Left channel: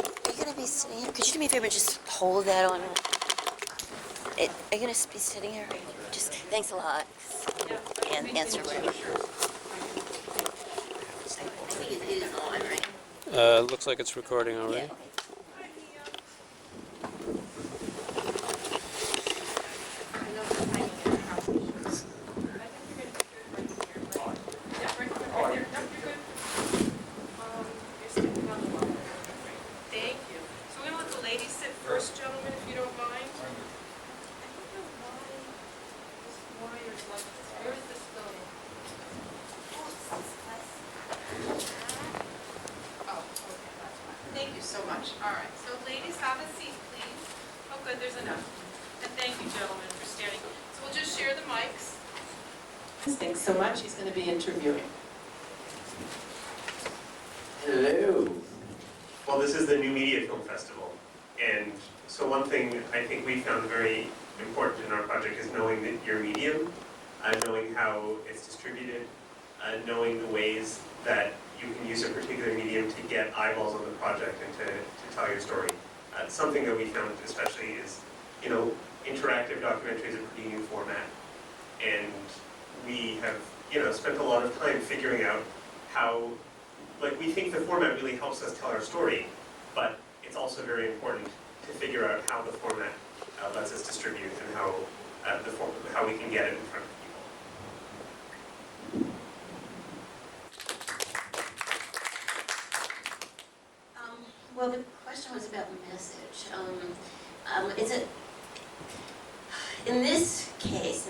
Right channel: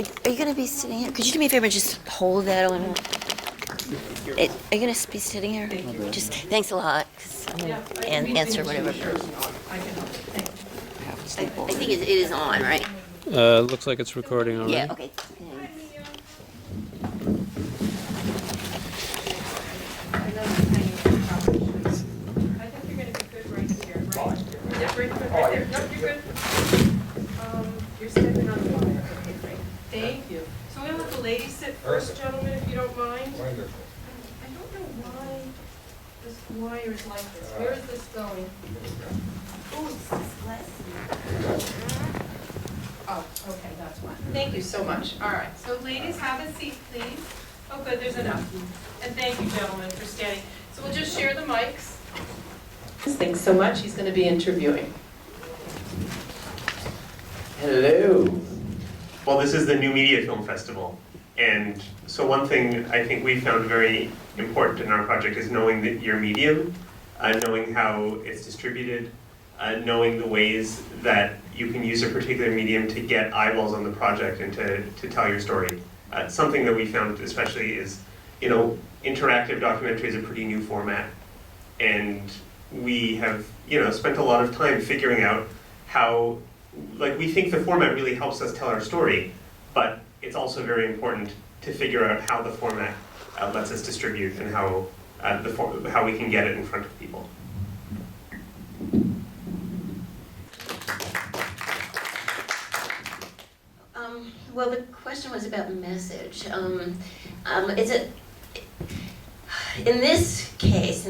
Are you gonna be sitting here? Could you do me a favor, just hold that on? Are you gonna be sitting here? Just thanks a lot. And answer whatever. I think it is on, right? Looks like it's recording. Yeah. Okay. I know the timing is probably should. I think you're gonna be good right here, right? Yeah, right there. No, you're good. You're stepping on the wire. Okay, great. Thank you. So we're gonna let the ladies sit first, gentlemen, if you don't mind. I don't know why this wire is like this. Where is this going? Oh, okay, that's why. Thank you so much. All right, so ladies, have a seat, please. Oh, good, there's enough. And thank you, gentlemen, for standing. So we'll just share the mics. Thanks so much. He's going to be interviewing. Hello. Well, this is the New Media Film Festival, and so one thing I think we found very important in our project is knowing that your medium, knowing how it's distributed, knowing the ways that you can use a particular medium to get eyeballs on the project and to tell your story. Something that we found especially is, interactive documentary is a pretty new format, and we have, spent a lot of time figuring out how, we think the format really helps us tell our story, but it's also very important to figure out how the format lets us distribute and how we can get it in front of people. Well, the question was about message. Is it in this case?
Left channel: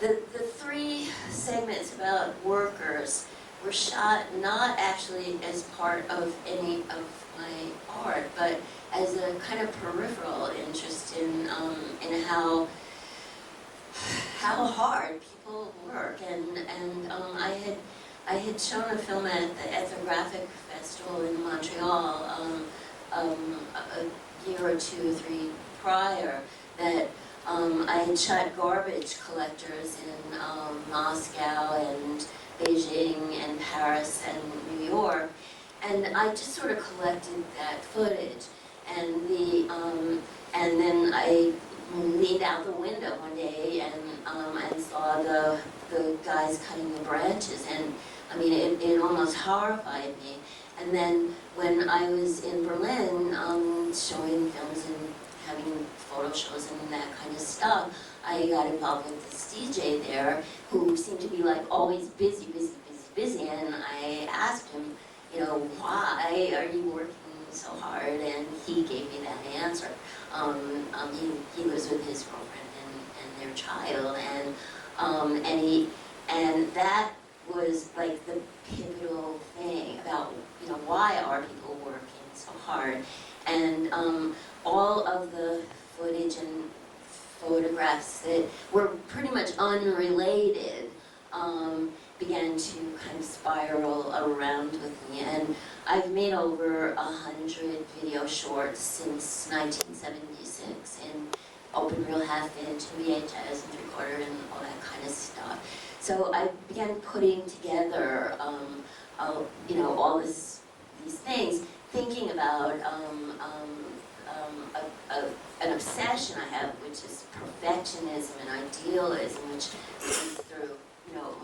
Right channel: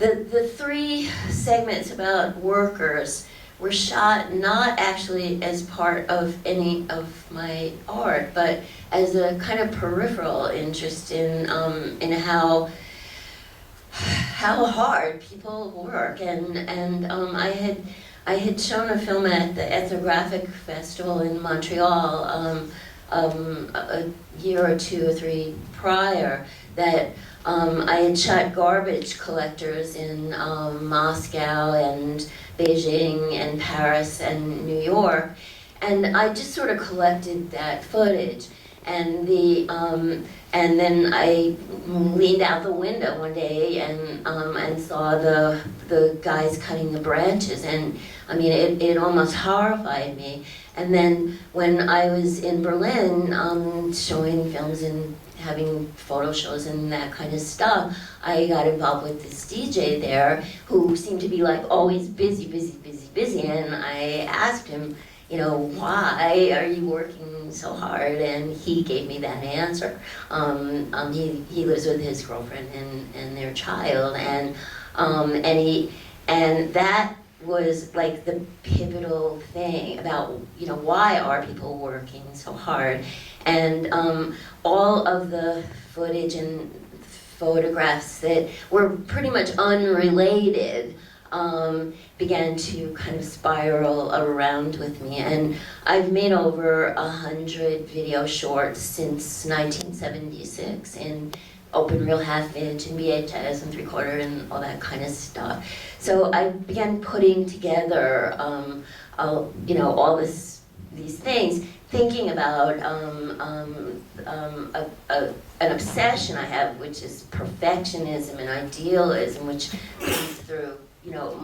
The three segments about workers were shot not actually as part of any of my art, but as a kind of peripheral interest in how hard people work, and I had shown a film at the Ethnographic Festival in Montreal a year or two or three prior that I had shot garbage collectors in Moscow and Beijing and Paris and New York, and I just sort of collected that footage, and then I leaned out the window one day and saw the guys cutting the branches, and I mean it almost horrified me. And then when I was in Berlin showing films and having photo shows and that kind of stuff, I got involved with this DJ there who seemed to be like always busy, and I asked him, why are you working so hard? And he gave me that answer. He lives with his girlfriend and their child, and that was like the pivotal thing about why are people working so hard, and all of the footage and photographs that were pretty much unrelated began to kind of spiral around with me, and I've made over 100 video shorts since 1976 in open reel, half-inch, and VHS and three-quarter and all that kind of stuff. So I began putting together, all these things, thinking about an obsession I have, which is perfectionism and idealism, which comes through,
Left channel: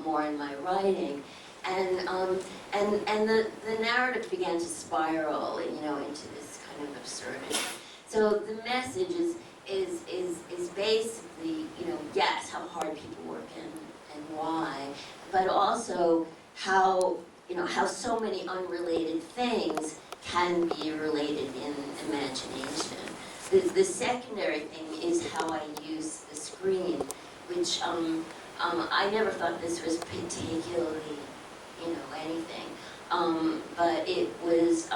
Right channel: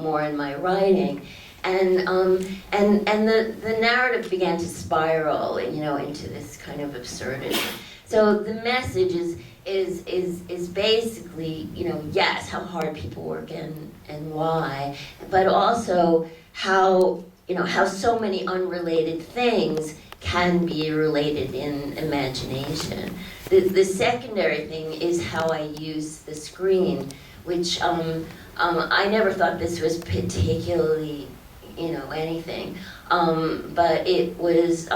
more in my writing, and the narrative began to spiral, into this kind of absurdity. So the message is basically, yes, how hard people work and why, but also how so many unrelated things can be related in imagination. The secondary thing is how I use the screen, which I never thought this was particularly, anything. But it was,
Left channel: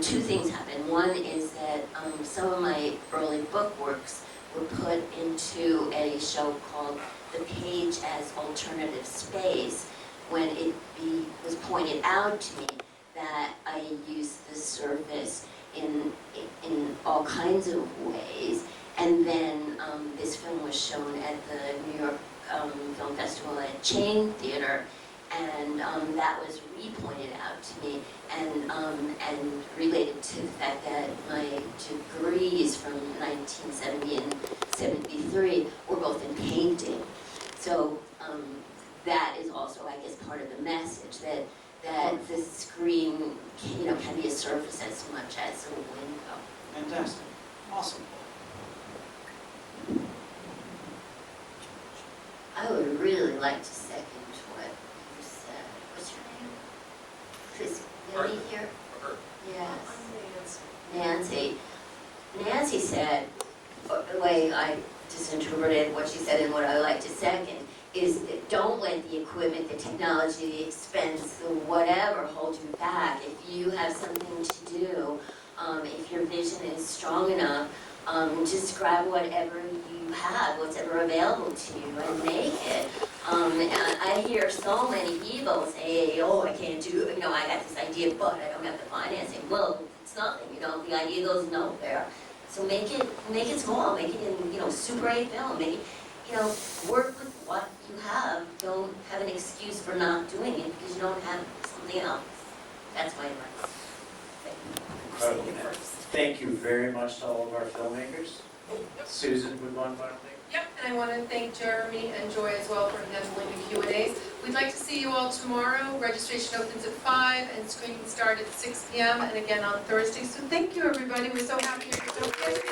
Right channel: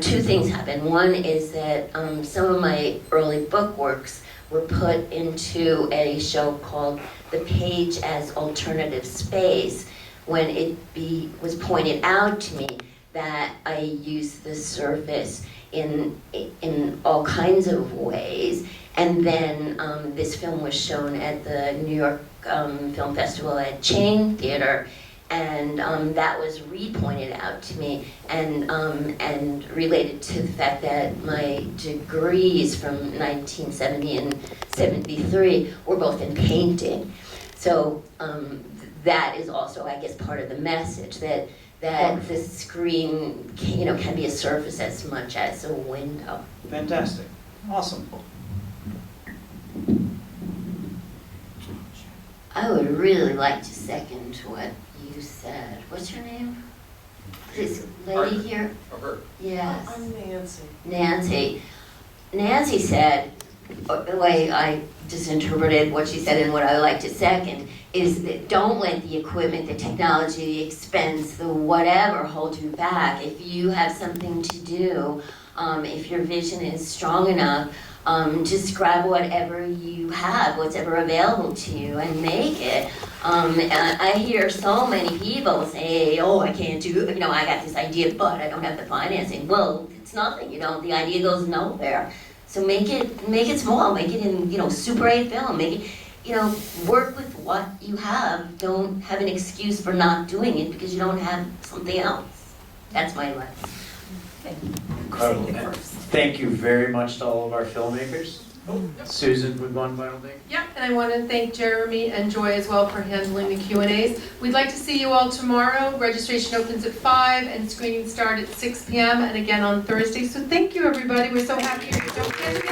two things happened. One is that some of my early book works were put into a show called The Page as Alternative Space, when it was pointed out to me that I used the surface in all kinds of ways. And then this film was shown at the New York Film Festival at Chain Theater, And that was re-pointed out to me, and related to the fact that my degrees from 1970 and 73 were both in painting. So that is also, I guess, part of the message, that the screen can be a surface as much as a window. Fantastic. Awesome. I would really like to second what you said. What's her name? This lady here? Yes. I'm Nancy. Nancy. Nancy said, the way I just interpreted what she said and what I would like to second, is that don't let the equipment, the technology, the expense, the whatever hold you back. If you have something to do, if your vision is strong enough, just grab whatever you have, whatever available to you, and make it. I hear so many people say, oh, I can't do it, I got this idea, but I don't have the financing. Well, it's nothing, the idea goes nowhere. So make it small, make it in, Super 8 film, make it, work with what you have. Don't have an excuse for not doing it because you don't have something else. That's my advice. Incredible. Thank you very much to all of our filmmakers. Susan, would one final thing? Yep, and I want to thank Jeremy and Joy as well for handling the Q&As. We'd like to see you all tomorrow. Registration opens at 5 and screenings start at 6 p.m. and again on Thursday. So thank you, everybody. We're so happy you're so busy.